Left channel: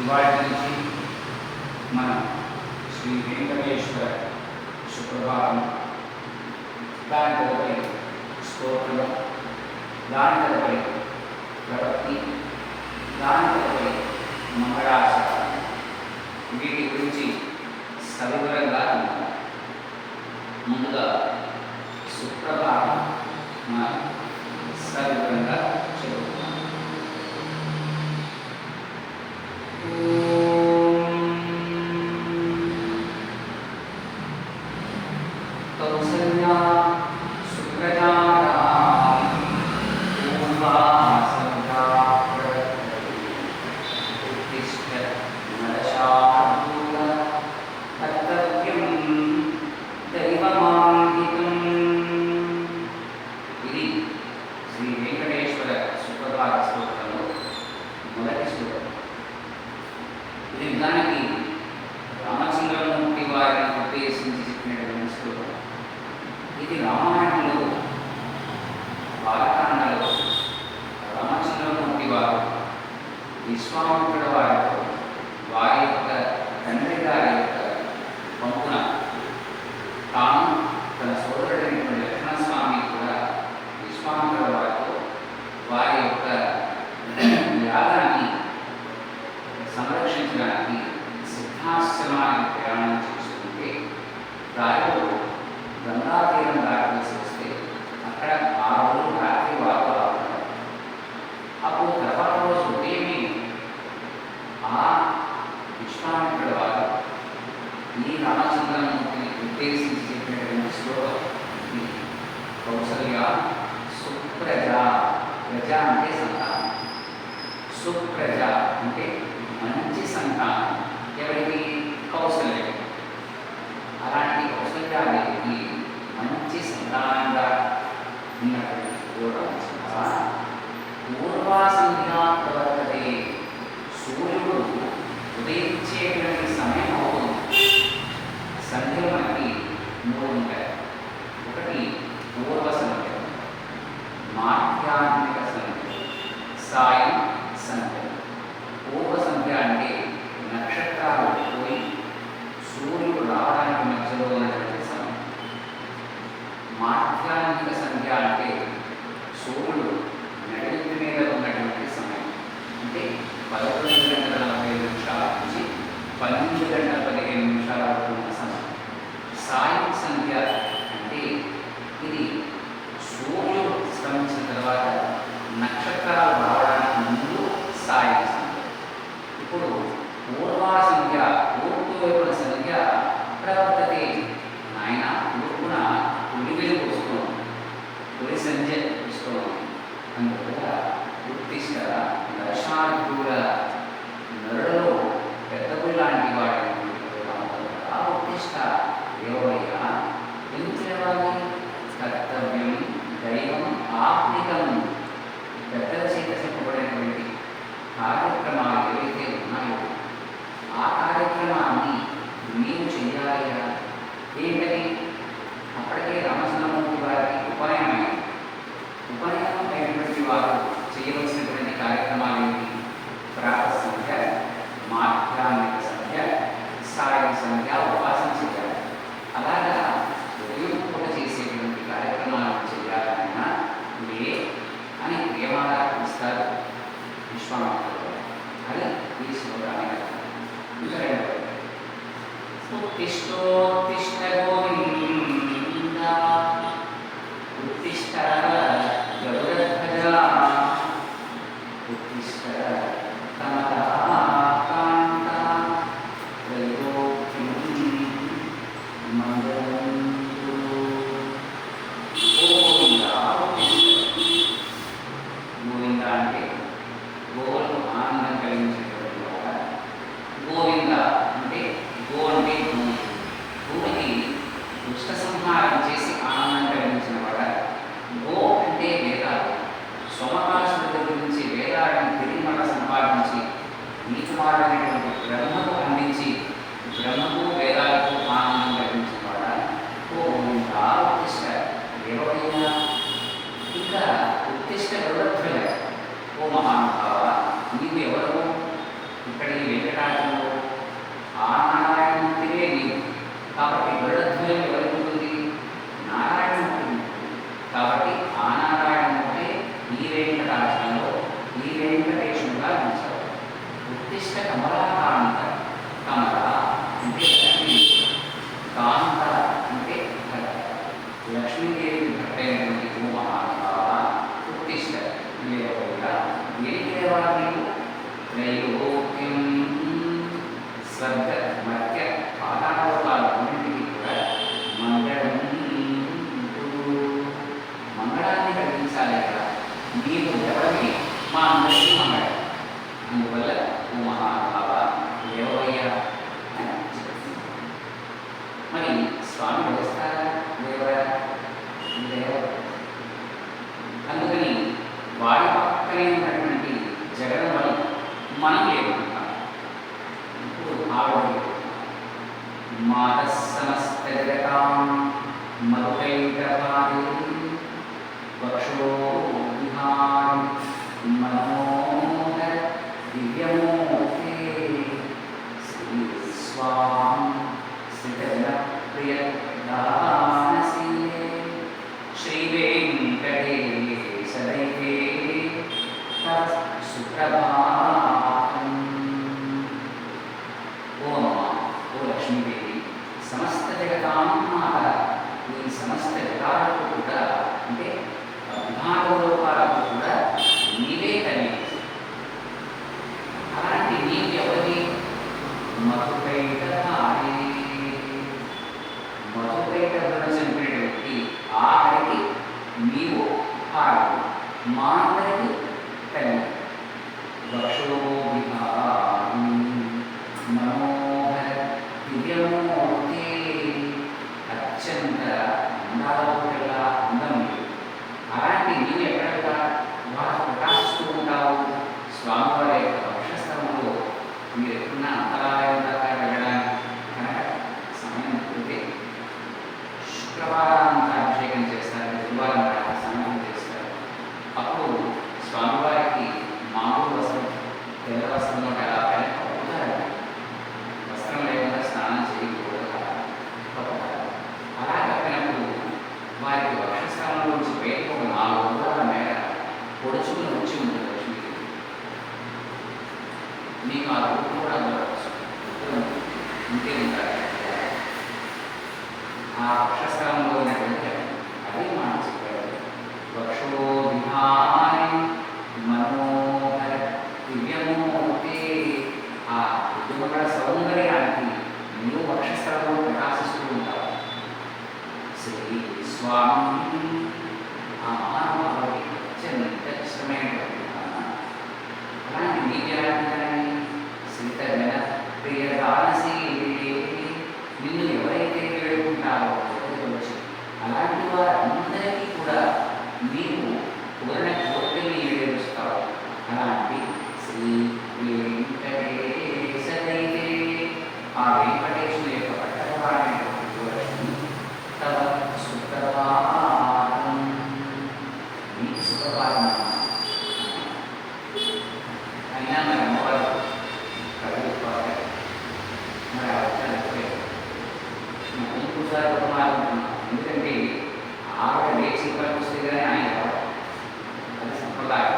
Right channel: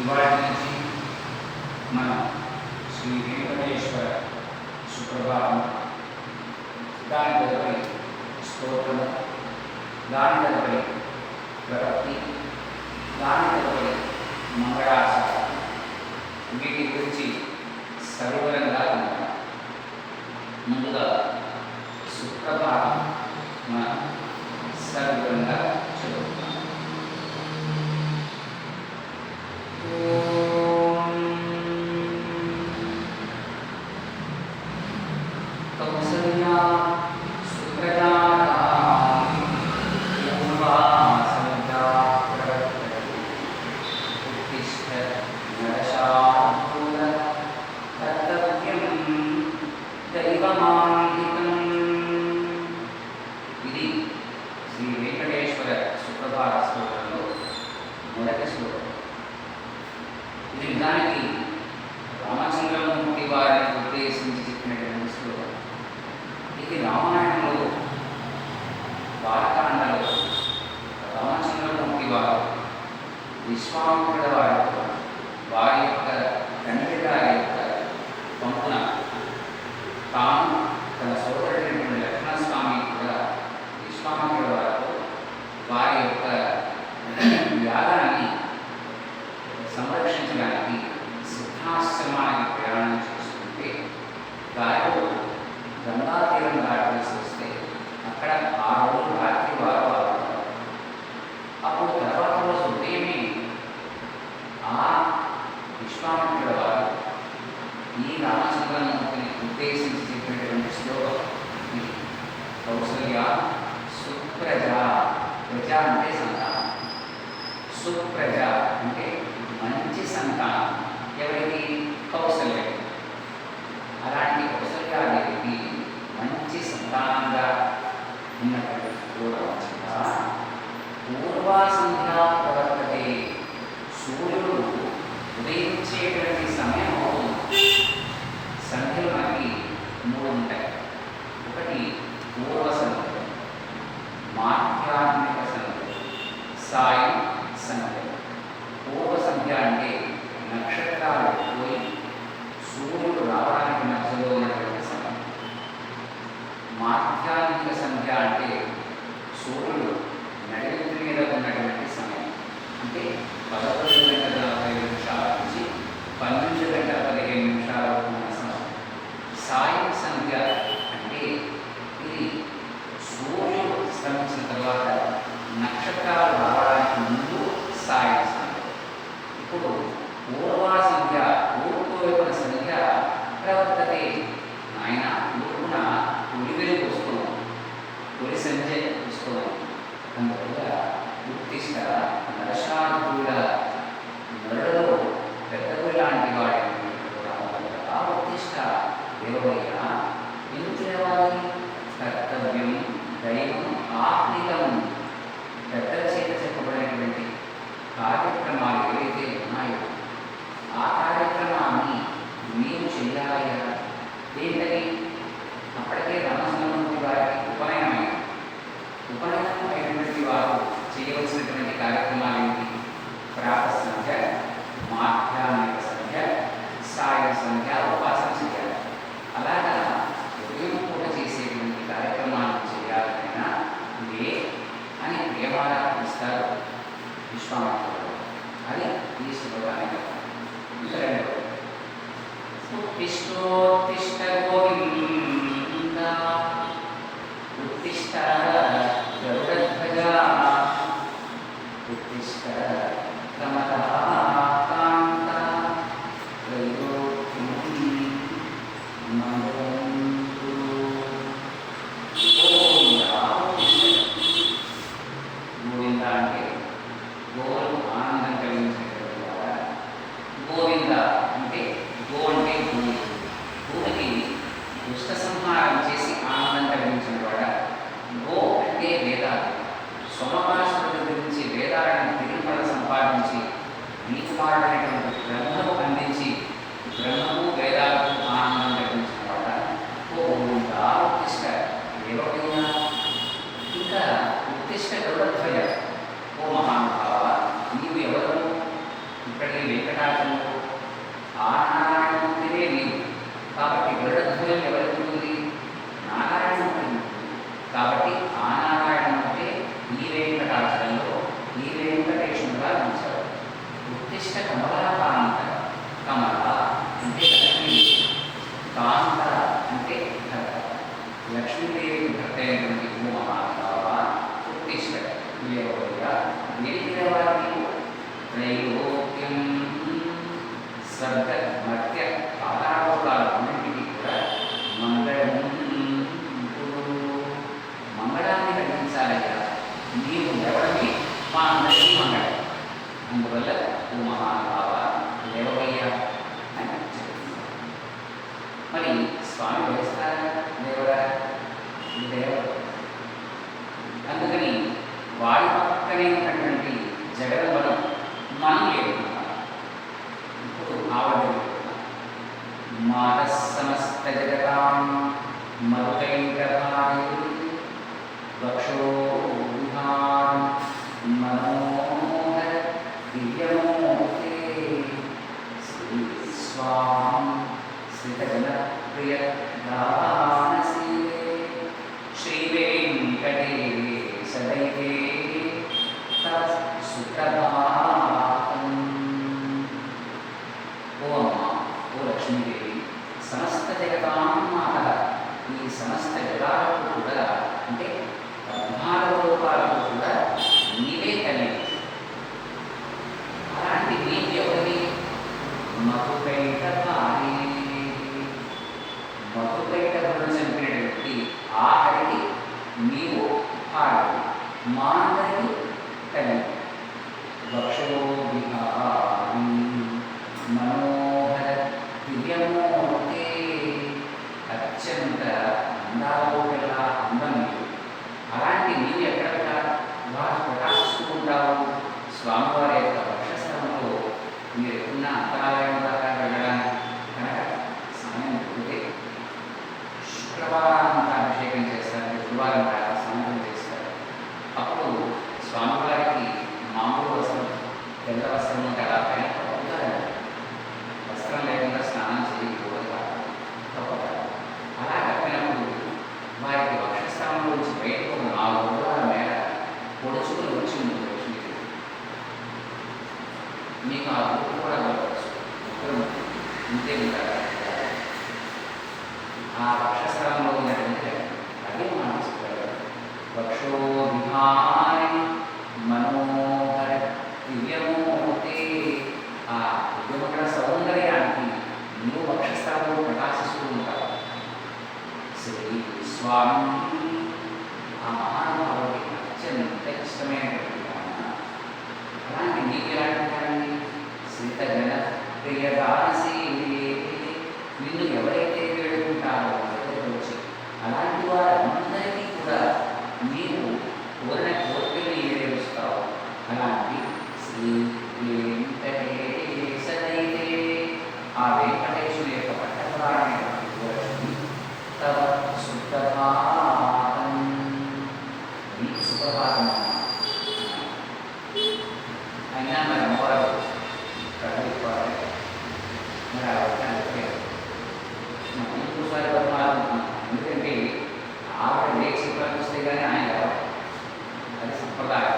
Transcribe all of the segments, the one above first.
ఇవాటి నుంచి మనం శ్రీ వెంకటేశ్వర సుప్రభాతం, దాని తదుపరి స్తోత్రము, దాని తదుపరి ప్రవృత్తి, దాని తదుపరి మంగళాచరణ, వీటి గురించి సవివరంగా ఉంటాం. ముందుగా సుప్రభాతం మనం సవివరంగా చదువుతాం. ఇది శ్రీ వెంకటేశ్వర సుప్రభాత స్తోత్రంలో మొదటి శ్లోకం. ఇది నిజానికి రామచంద్రమూర్తి వారిని ఉద్దేశించి చెప్పినటువంటి శ్లోకం. ఇది రామాయణంలో బాలకాండలో రామచంద్రమూర్తి వారు విశ్వామిత్రుల వారితో వారి యొక్క తండ్రి గారి యొక్క పంపున తాను తన సోదరుడైనటువంటి లక్ష్మణస్వామి కూడా విశ్వామిత్రుల వారితో వారి యొక్క యాగాన్ని సంరక్షించడానికి సిద్ధాశ్రమానికి ప్రయాణం చేసుకుంటే దారిలో గంగా తీరం దాటవలసి వస్తే అక్కడ ఆ రోజు రాత్రి వారు ఆడుతారు. అప్పుడు తర్వాత రోజు ఉదయమే ఆ విశ్వామిత్రుల వారు ఈ రామచంద్రమూర్తిని ఉద్దేశించి చెప్పినటువంటి శ్లోకం ఇది. కౌసల్య సుప్రజ, ప్రజ అంటే సంతానం, సుప్రజ అంటే మంచి సంతానం. ఎవరికి? కౌసల్య. అలాంటి కౌసల్యాదేవికి మంచి సంతానంగా ఉన్నటువంటి పూర్వా సంధ్యా ప్రవర్తతే. సూర్యుడు ఉదయించేటువంటి సమయం అవుతుంది. సంధ్యలు మనకి మూడు ఉంటాయి. ఒకటి పూర్వ సంధ్య, మాధ్యాహ్నిక సంధ్య, సాయం సంధ్య. పూర్వ సంధ్య అంటే నక్షత్రాలు పోయి సూర్యుడు రావడానికి మధ్యలో ఉన్నటువంటి సమయం. మాధ్యాహ్నిక సంధ్య అంటే సూర్యుడు నడిమిటి మీద ఉన్నటువంటి సమయం. అంటే 11:45 నుంచి 12:15 వరకు ఉన్న సమయం. సాయం సంధ్య అంటే ఇది సూర్యుడు అస్తమించిన తర్వాత నక్షత్రాలు రావడానికి ముందు సాయం సంధ్య. ఇప్పుడు పూర్వా సంధ్య, తూర్పు వైపున సంధ్య ప్రవర్తతే. ఆయన తూర్పున తొలి వెలుగు వస్తుంది, తొలి సంధ్య వస్తుంది. అందువల్ల ఉత్తిష్ట నరశానుకూల, నరులలో పెద్దగుడి లాంటి వాడైన ఉత్తిష్ట దేవయ్య. ఎందుకు లేవాలి? కర్తవ్యం దైవం ఆత్మికం. పెద్దల చేత చెప్పబడినటువంటి కార్యక్రమాలు ఏవైతే ఉన్నాయో ఆ కార్యక్రమాన్ని నీవు చెయ్యాలయ్యా. ఏంటది? అప్పటికే రామచంద్రమూర్తి వారికి ఉపనయనమైంది. ఉపనయనం అయినటువంటి వారు చేయవలసినటువంటి కార్యక్రమాలు ఏంటి? ప్రాత సంధ్య, మాధ్యాహ్నిక సంధ్య, సాయం సంధ్య, ఉపాసన చేయాలి. అలాగా ఉదయం పూట చేసేటువంటి కార్యక్రమాలను చేయాలన్నా లే అని ప్రేమగా పిలుస్తారు విశ్వామిత్రుడు. అది ఈ శ్లోకానికి ఇంకా రెండవది. ఉత్తిష్టోత్తిష్ట గోవింద, ఉత్తిష్ట గరుడధ్వజ, ఉత్తిష్ట తమతాకాంత, త్రైలోక్యం మంగళంతు. గోవింద గోవింద అంటే గోవులకు ఆనందం కలిగించేటువంటి వాడ. గోవింద అంటే గో అంటే భూమి, భూమికి దుష్ట సంహారం చేసి ఆనందం కలిగించిన వాడ. గో అంటే వేదాలు, సోమకాసుల దగ్గర నుంచి వేదాలను తిరిగి మళ్ళీ సంపాదించి నీకు మాట్లాడినటువంటి బ్రహ్మకు అందించి బ్రహ్మకు వేదాలకు ఆనందం కలిగించిన వాడ. ఓ గోవింద ఉత్తిష్ట దేవయ్య. ఇంకా ఉత్తిష్ట గరుడధ్వజ, ఓ మహానుభావ నీవు ఎవరు? ఇక్కడ ఇక్కడ ఈ వెంకటాచలంలో ఆ నారాయణమూర్తినే నీవు. కాబట్టి గరుడధ్వజం ఎవరికి ఉంటుంది? నారాయణమూర్తి. కాబట్టి ఆ నారాయణమూర్తి ఈ వెంకటాచలంలో ఈ వెంకటేశ్వరుగా నిలిచాడు. ఉత్తిష్ట కమలాకాంత. కమల అంటే లక్ష్మీ, కాంత అంటే భర్త. లక్ష్మీదేవి భర్త అయినటువంటి ఓ మహానుభావ ఉత్తిష్ట లేవగా దేనికి లేవాలి నీవు? త్రైలోక్యం స్వర్గ మధ్య పాతాళలోకాలు అన్నింటికీ కూడా మంగళాన్ని కలిగించాలి కదా. నీవు ఎవరిని? మా అందరికీ మంగళం. అందువల్ల ఓ మహానుభావ లేవయ్యా అని చెప్తుంది. మరి స్వామి వేస్తారా లేవరా? లేవరు. అందుకని వాడి పక్కనే ఉన్నటువంటి జగదంబను మనం లేకుంటాం. ఇప్పుడు ఆవిడ మాత సమస్త జగతాం మధుకైకహారి వక్షో విహారం మనోహర దివ్యమూర్తే శ్రీ స్వాం శ్రీజన ప్రియ దానశీలే శ్రీ వెంకటేశదైతే సుప్రభాతం. ఓ అమ్మ, ఓ లక్ష్మీదేవి, సమస్త జగతాం మాత, ఈ సమస్త జగాలకు కూడా అంటే బ్రహ్మాండలోకాలకు కూడా నీవే తల్లి. అలాంటి నీవు ఎవరి? మధుకైట భారీ. మధుకైట బృందం చంపినటువంటి ఆఖరికి నీవు భారతి, మా అందరికి తల్లి. వక్షో విహారీ మనోహర దివ్యమూర్తి. అత్యంత అందాలలో కల్లా అందం నీవు. అలాంటి నీవు ఎక్కడ ప్రకాశిస్తూ ఉంటావు? స్వామివారి యొక్క వక్షస్థలంలో మీరు ఎప్పుడున్న అంతరాయం దాకా వెళ్ళడానికి కనుక సమయం ఉంటే శుక్రవారం అభిషేకం చేస్తారు, గురువారం స్నానం చేస్తారు. అప్పుడు స్వామివారికి మామూలు వస్త్రం, తెల్ల వస్త్రంలో కదా అవుతారండి. వస్త్రం లేకుండా స్నానం చేయకూడదు. అలా కప్పినప్పుడు వారికి వక్షస్థానంలో నుంచి బయటకు ఒక 4 అంగుళాల మేర పొడుచుకుని వచ్చి ఉంటుంది లక్ష్మీదేవి. మీకు ఆ రూపం కూడా ఉండవచ్చు, ఇప్పుడు ఇంతే ఉంటారు. ఆ వక్షస్థలంలో ఉన్నటువంటి అదే మనం చెప్పారు. వక్షో విహారి మనోహర దివ్యమూర్తి. ఆ దివ్యమంగళ సౌందర్యానికి నీవు వక్షస్థలంలో ప్రకాశిస్తూ ఉంటావు. శ్రీ స్వామి ఆ మహానుభావుడికి అత్యంత ఇష్టమైనటువంటి అలాంటి నీకు ఎలా ఉంటాయి? శ్రీతగణ ప్రియదానశీలి. నిన్ను ఎవరైతే వేడుకుంటారో వచ్చి అలాంటి వారందరికీ కూడా నీవు కోరిన కోరికలు ఈడేరుస్తావు. అలాంటి శ్రీ వెంకటేశదైతే ఆ వెంకటేశ్వరుని యొక్క పట్టణవాడైనటువంటి లక్ష్మి తవ సుప్రభాతం. నీకు సుప్రభాతం అయినా మరి అమ్మవారు కడుగుతారు. మరి ఆ అయిపోయారు. ఇంకోసారి ఎందుకంటే ఆవిడ లేచి పనిపిస్తే కానీ ఆయన ఎవరు? అది సంప్రదాయం.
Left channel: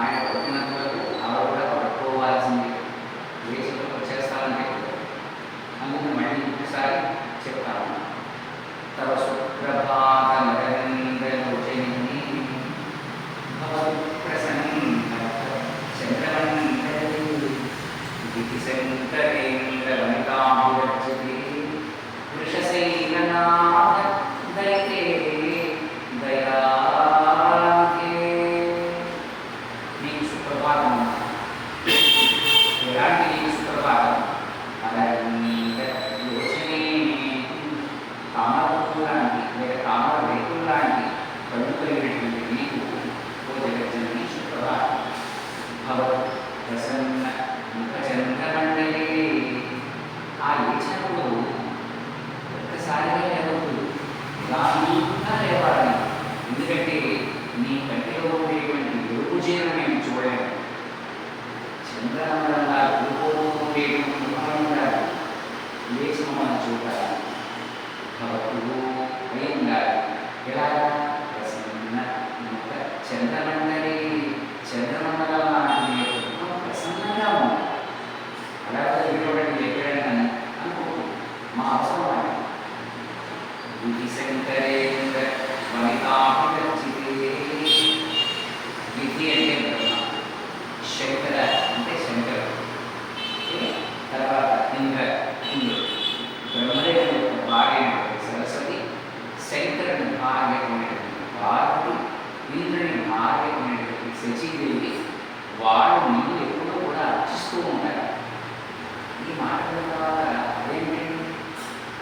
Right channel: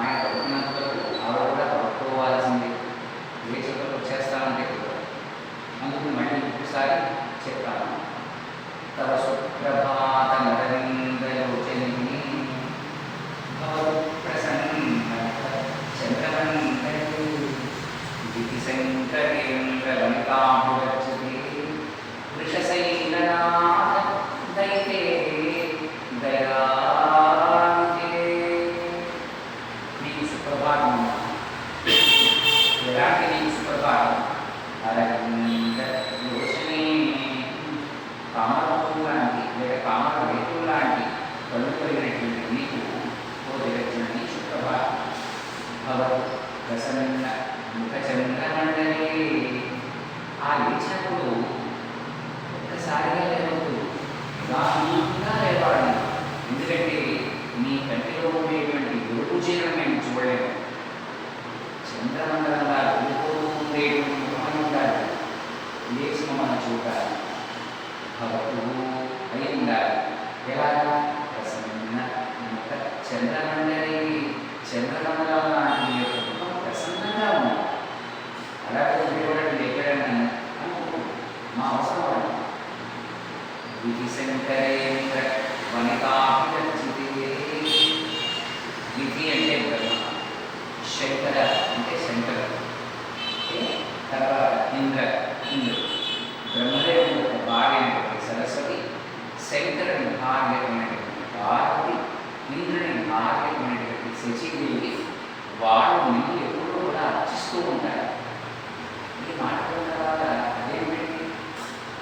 ఆయన పడుతున్నంత వరకు ఆవిడ కూడా పడుకోవాల్సింది. లేచి పని వచ్చేస్తారంటే అందుకని మళ్ళీ ఇంకోసారి చెప్తాను. తవ సుప్రభాత నరేంద్రలోచని ప్రసన్న చంద్రవంతరి దిశంకరేంద్రలలితాంబురజ్జతి వృషశైలనాథ దైతే దయాకే. మీ సుప్రభాతం ఎలాంటి మీ సుప్రభాతం? అరవిందలోచనే కామరపు లాంటి లేక కామర రేకులు లాంటి కళ్ళు కలిగినటువంటి మీకు ఓ జగజ్జనని సుప్రభాతం. భవత్ ప్రసన్న ముఖచంద్రమండలి. ఆ లేచినప్పుడు ఒక్కసారిగా లేవద్దు, నిదానంగా లేవాలి. ఎందుకంటే నీ కంటిలో ఉండేటువంటి వెలుగు చీరను నేను చూడలేను. అవుతాయి. భవతు అయి ఉండాలి. ఎలాగా? ప్రసన్న ముఖ చంద్రమండలి, చంద్రమండలం లాంటి నీ యొక్క ముఖం ప్రసన్నంగా ఉండాలి. అలాగే చూడండి ఎక్కడైనా అనుకుంటుంది మా అవసరం అని విధి శంకరేంద్ర వనితాభిరచితే. విధి అంటే బ్రహ్మ, శంకర అంటే శంకరుడు, తర్వాత ఇంద్ర ఇంద్రుడు, బ్రహ్మదేవుని యొక్క భార్యమైనటువంటి సరస్వతి, శంకరుని భార్యమైనటువంటి పార్వతి, ఇంద్రుని భార్యమైనటువంటి శచీదేవి, వాళ్ళు నిన్ను ఎప్పుడూ కూడా అర్చిస్తూ ఉంటారు. ఈ మాట్లాడిన తర్వాత అదేంటి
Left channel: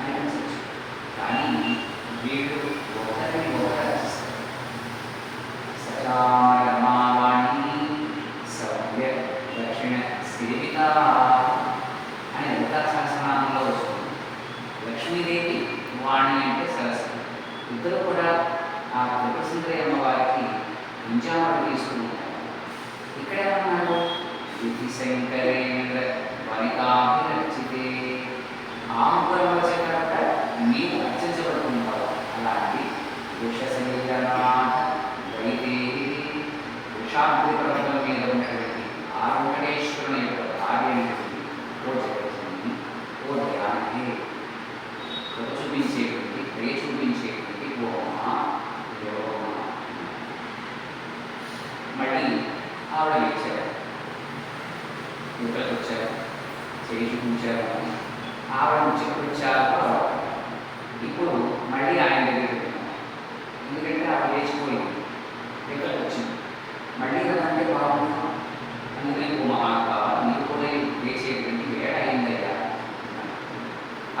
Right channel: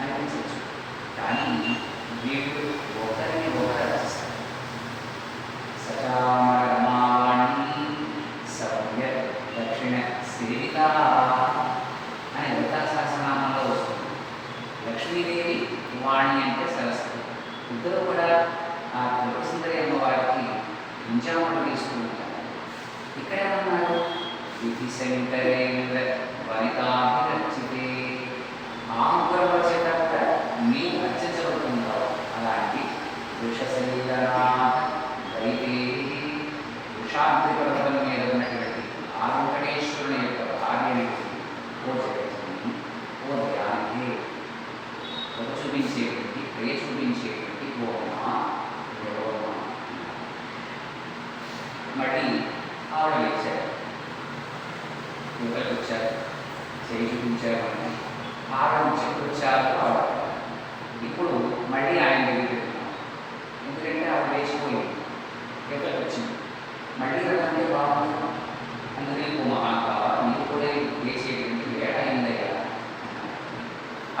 అనిపించవచ్చు, కానీ వీళ్ళు ఒకరిని ఒకరు రచిస్తారు. సచామరమావాణి సవ్య దక్షిణ సేవిత అని లలితా సహస్రనామంలో వస్తుంది. లక్ష్మీదేవి, వాణి అంటే సరస్వతి, ఇద్దరు కూడా ఆ త్రిపుర సుందరి అమ్మవారికి ఇంజాములు తీస్తూ ఉంటారు. ఇక్కడ ఏమన్నారు? విధి శంకరేంద్ర వనితాభిరచితే. ఆముఖులం వచ్చేటంట నీవు రచించబడుతున్నావు. అలాంటి వృషశైలనాథ వైదేహి, వృషాద్రి పర్వతం మీద ఉన్నటువంటి ఆ వెంకటేశ్వరుని యొక్క భార్యమైనటువంటి ఓ జగజ్జనని, ఓ ధ్యానే, కృప చూపించేటువంటి, ప్రియ చూపించేటువంటి ఓ అమ్మ, మళ్ళీ ఆవిడ లేచారు, యువతలకు వచ్చారు, చేయి చూపించారు అని ఆవిడ చెప్పొచ్చారు. ఆవిడ ఇప్పుడు మళ్ళీ ఆయన దగ్గరికి వెళ్తున్నాం, ఎందుకంటే ఆవిడ లేచిపోయింది, యువతలకు వచ్చింది. మళ్ళీ అంటే బాగుంటున్నాం, అందుకని ఓ మహాకా నీకు కూడా లేచేటువంటి వేళ అయిందయ్యా.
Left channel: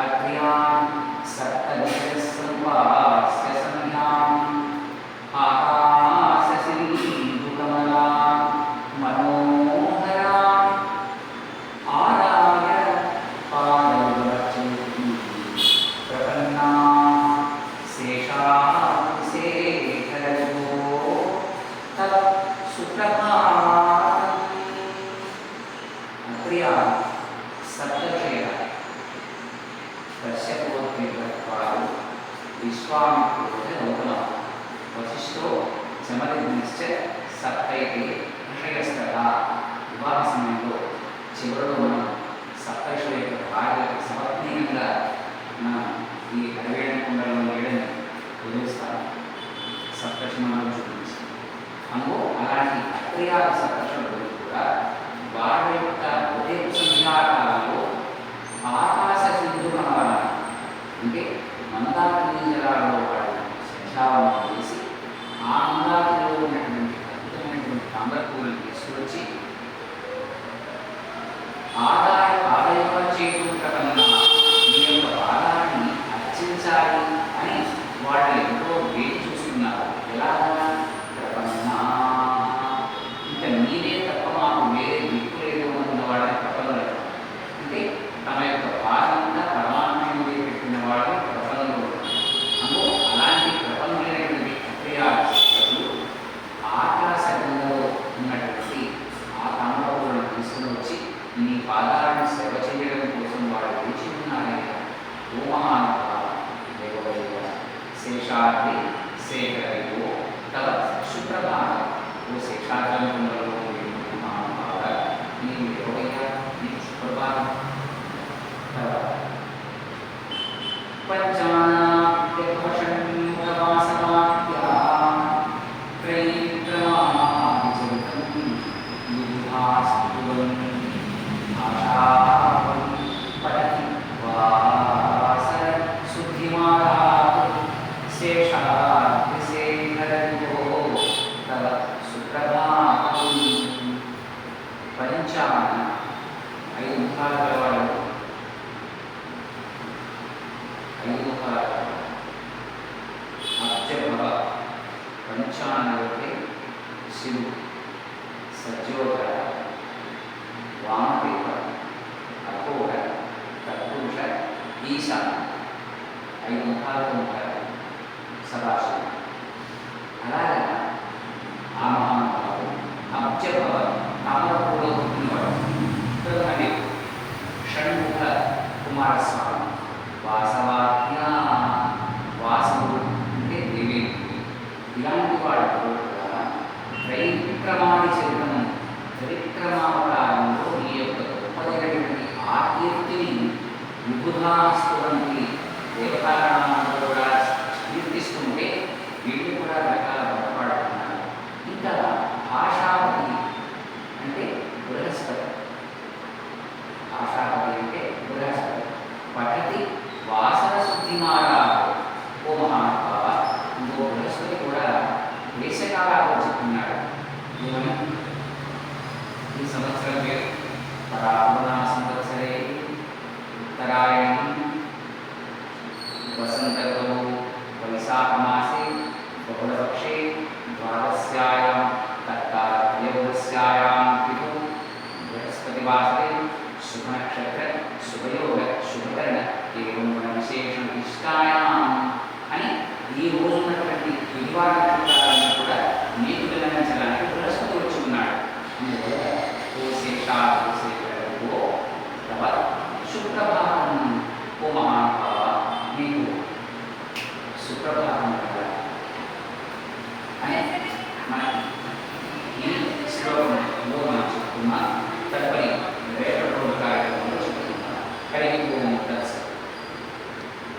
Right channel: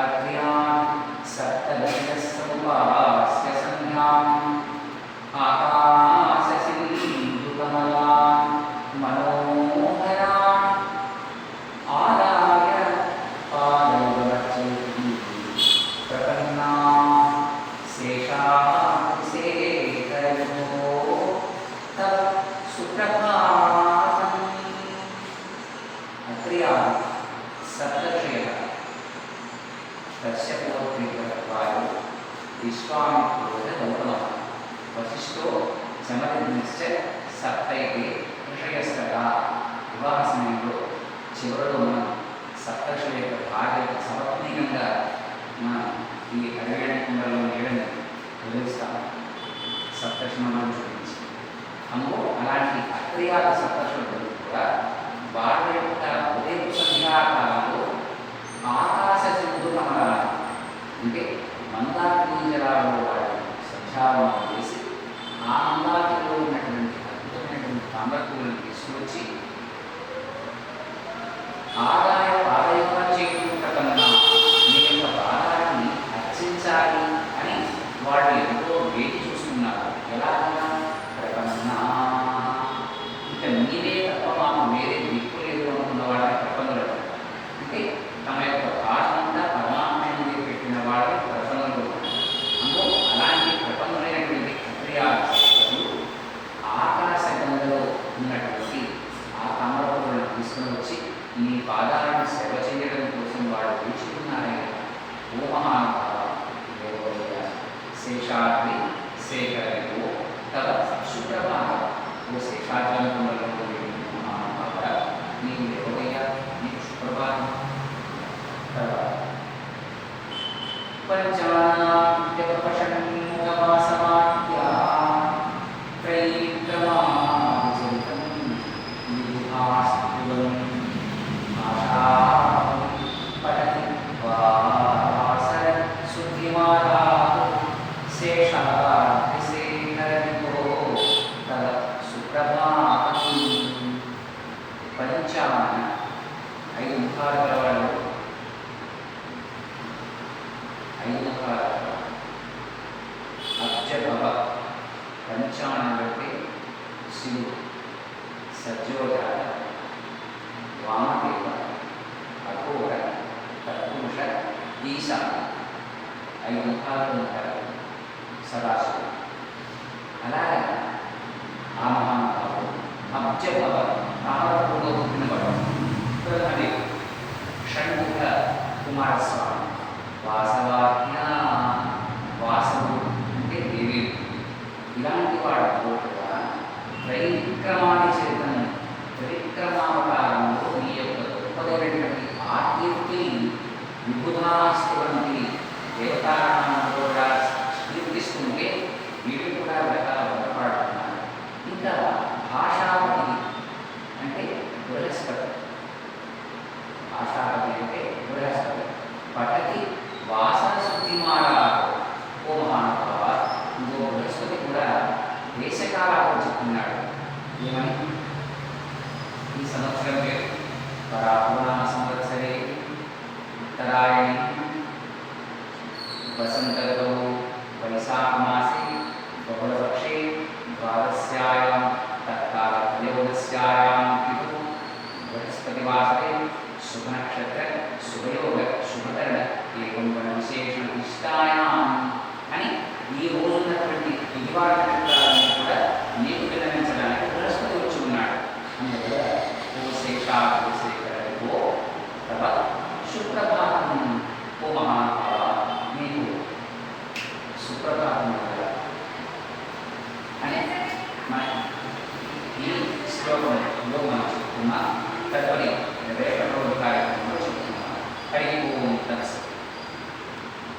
అగ్ర్యాన్ సప్తదశ సంపాస్య సంధ్యాం ఆకాశ సింధుకమలాన్ మనోహరాన్ ఆదాయ పాదవచోతి ప్రపన్నా శేషాశేఖరో తవ సుప్రభాతం. అత్ర్యాన్ సప్తర్షయః కశ్యపోత్రికాలు విశ్వామిత్రో గౌతమః వశిష్ఠో చమదగ్నిశ్చ సప్తైతే ఋషయస్తదా. వివాహ సమయంలో చివరిలో మనం సప్తర్షుల యొక్క భార్యలకు సమర్పణీయంగా మనం ఈ అరవేణ కుండలో నీడని వదిలిస్తాం, సప్తర్షులను చూపించి. అందులో అలాంటి అత్రియాల సప్తర్షులు కూడా వాళ్ళ యొక్క ఉదయ సంధ్యాకాలంలో ఆకాశ సింధుకమలాలు అంటే మందాకిని జలాలలో వాడి సంధ్యావనం చేసి ఆ మందాకిలో ఉన్నటువంటి అద్భుతమైనటువంటి తాంబరపూలను తీసుకువచ్చి ఆదాయ చేయకుండా కన్నా మీ యొక్క పాదాలని అర్చించాలి అని వాళ్ళు ఎంతో వేచి చూస్తున్నారు. ఎలాగన్నా ప్రపన్నా, ఇంకా మీరే తప్ప మాకు వేరే దిక్కు లేదు అనుకున్న వాళ్ళని ప్రపంచం అంటే తమ యొక్క భాగంగా పరమాత్మ మీద పెట్టిన వాళ్ళని ప్రపంచంలో అందులో అలాంటి ప్రపంచమైనటువంటి క్రియాలు ఆకాశగంగలో ఉన్నటువంటి ఆ తామ్రపూలను తీసుకుని వచ్చి నీ పాదాలను సేవ చేయడం కోసం వాడు వేచి ఉన్నారయ్యా. ఓ మహానుభావ దేవయ్య శేషాద్రి శేఖరో తవ సుప్రభాత. ఓ శేషాద్రంలో మహానుభావ నీవు దేవయ్య, నీకు సుప్రభాతం. పంచాన 5 ముఖాలు గలవాడు, 5 ముఖాలు అబ్జభవ పంచానలపై శివుడు, సజ్జోగ, వామదేవ, అఘోర, తత్పురుష, ఈశాన 5 ముఖాలతో ఉంటారు సదాశివుడు. అలాగే ఆ మహానుభావుడు అబ్జభవ తామరపూలో పుట్టినవాడు. అనే షణ్ముఖ కుమారస్వామి వాసవాజ్ఞ, వాసవుడు అంటే దేవి. ఇలాంటి వాటితో కూడా త్రైవిక్రమాది చరితం, త్రివిక్రమావతారంలో ఈ యొక్క గొప్పదైనటువంటి ఆ కీర్తిని విబుధాస్తువంతి దేవతారామంలో కూడా కీర్తిస్తుంటే వీటిని కూడా రకాల బలపడుతున్నారు. ఇంకా భాషాపతి అంటే బృహస్పతి, భాషాపతి అంటే బృహస్పతి. పఠతి వాసన శుద్ధిమారా ఓ మహానుభావ, ఇంకో బృహస్పతి కూడా దేశకాలాలు చెప్తున్నాడు. ఏమని? ఈ సంవత్సరం పేరు పరాపూర్ణ సంవత్సరే ఉత్తరాయణి వసంత ఋతువు వైశాఖమాసే బహుళపక్షే ద్వాదశ్యాయాం తత్కాల త్రయోదశ్యాయాం తిథౌ బృహస్పతివాసరే శుభనక్షత్ర శుభయోగ శుభకరణ ఏవం గుణ విశేష ఇష్టాయాం అని ఈ రోజు ఉన్నటువంటి బుధవార నక్షత్రాలను కూడా నీకు విన్నవించడానికి బృహస్పతి వచ్చి ఉన్నాడు. అందువల్ల ఓ శేషాగ్రశేఖరో తవ సుప్రభాతం ఓ మహాత్మ